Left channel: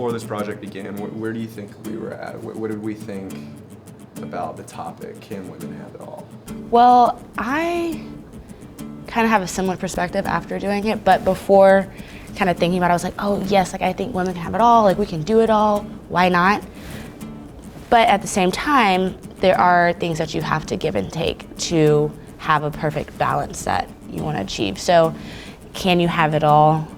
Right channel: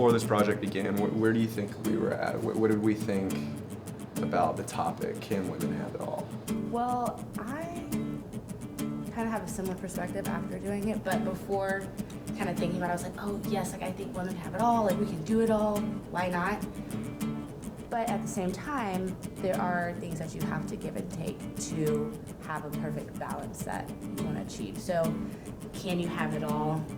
before this project began, where do you think we were at? What did we think about the topic, can women have it all? Well, I kind of have a similar perspective after doing it, but before kind of thinking about it, I was like, oh yes, like I think women can have it all, like we can do it all, why not? But at the same time, there are things that you have to give and take to have a perfect balance that you want to achieve. So can you have it all?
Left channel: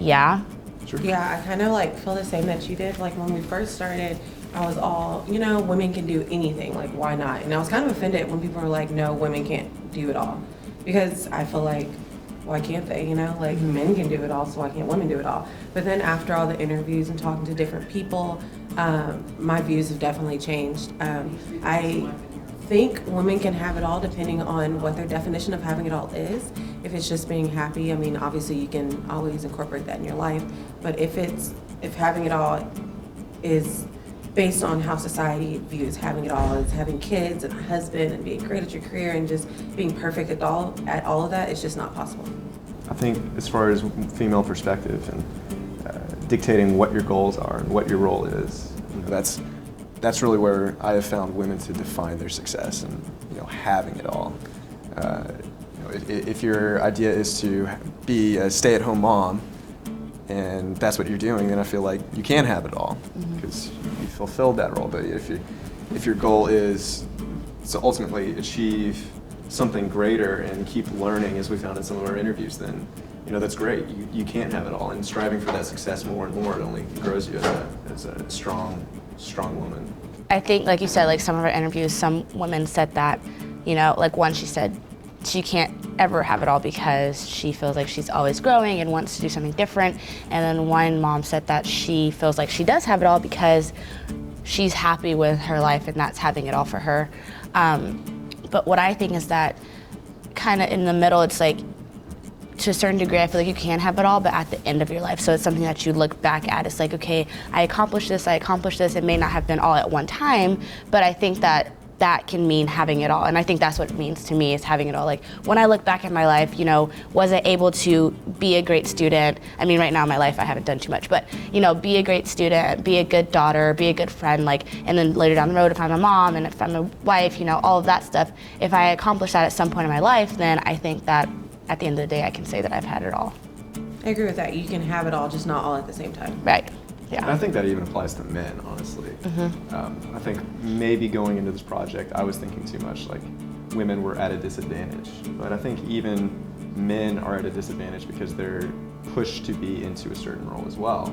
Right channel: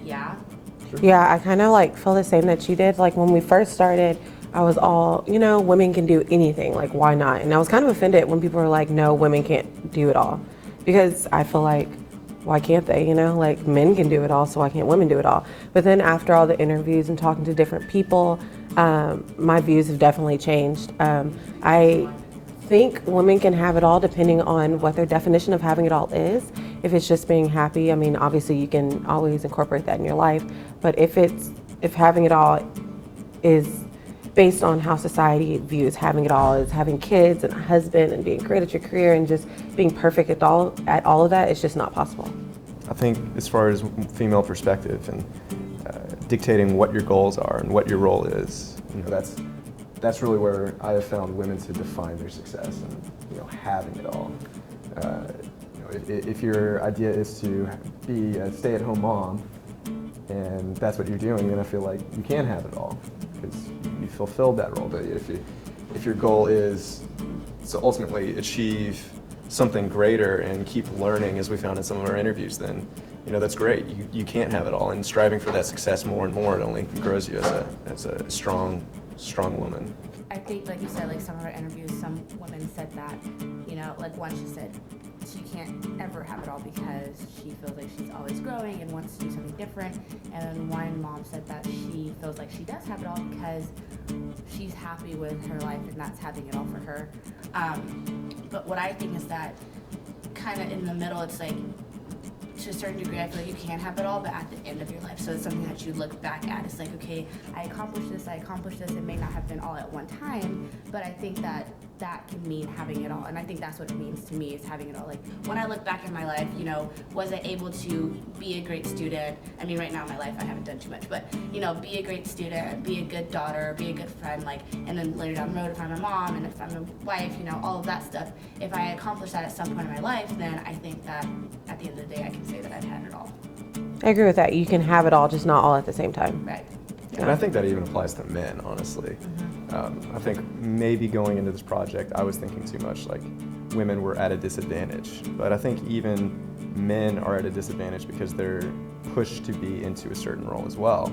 Yeah. Sure. Yeah, I kind of like feel the same that you did. Like when we first started, I was all, you know, women can do anything, like why not? And I was kind of offended when people were like, no, women can't do it all. Because I feel like, why can't they, you know? Like men can do it all, so why can't women do it all? But then after all the interviews and talking to different people, my views have definitely changed. I think women can have it all depending on what their definition of having it all is. If it's just being happy, I mean, obviously you can always incorporate that in your life. But if having it all is based on how society views having it all as having kids and a husband and being great at your career and just being perfect at all of that, it's just not possible. I think as far as female perspective and dictating what your goals are and what your role is, you know, that's really where I have found women to define their success and, you know, having it all. You know, if your idea is to be a stay-at-home mom and that's what you're doing, then I feel like you can have it all because you fulfilled that role. But if your goal is to ultimately achieve something greater and keep learning, as we found in some of our interviews, then you know that's great. You can't have it all, and striving for that success more and more, it only grows you as a strong woman. I think, like you said, like some of our interviews, some women said that, you know, like one, she said she can't ever have it all because she feels like she's always growing and wants to do something different. And then one mom said that she feels like she does have it all because she's happy with her life and that's having it all for her. But what I think is that kind of in the middle, it's like, to a certain degree, I feel like you can have it all, but at the end of your life. So it's something that you look back at. It's like, okay, I accomplished this. It may not have been all at one time, but I think that can mean having it all. And I think that's what it means to me, is having it all. Like when I look back at my life, you know, was I able to be a great student? I mean, right now in my life, I haven't done too much, but you know, be a great student, be a good daughter, be a good friend, like, and then later down the road, if I'm a mom and if I'm a wife, you know, all of that stuff, if I accomplish that at some point in my life, then I think that at the end of the day, I can say that I've had it all. I agree with that. You can have it all, just not all at the same time. Right. Yeah. And I think that even applies to men, honestly. I think maybe going into this project, I was thinking too much like women were at a disadvantage. But I think even men are at a disadvantage because they're pushed to be into a certain role as well.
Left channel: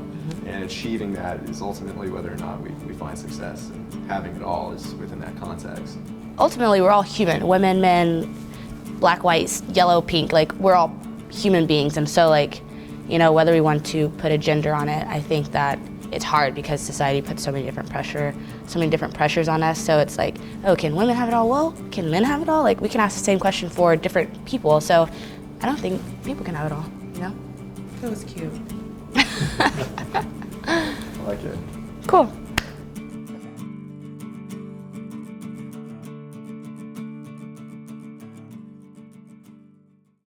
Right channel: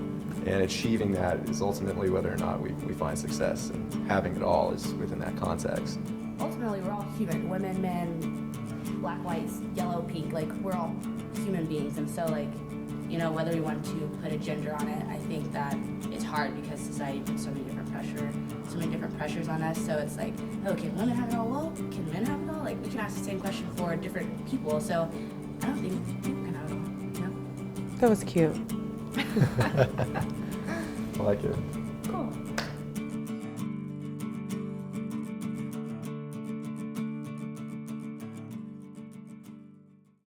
And achieving that is ultimately whether or not we find success. And having it all is within that context. Ultimately, we're all human. Women, men, black, white, yellow, pink, like we're all human beings. And so like, you know, whether we want to put a gender on it, I think that it's hard because society puts so many different pressures on us. So it's like, oh, can women have it all? Well, can men have it all? Like we can ask the same question for different people. So I don't think people can have it all, you know? That was cute. I like it. Cool.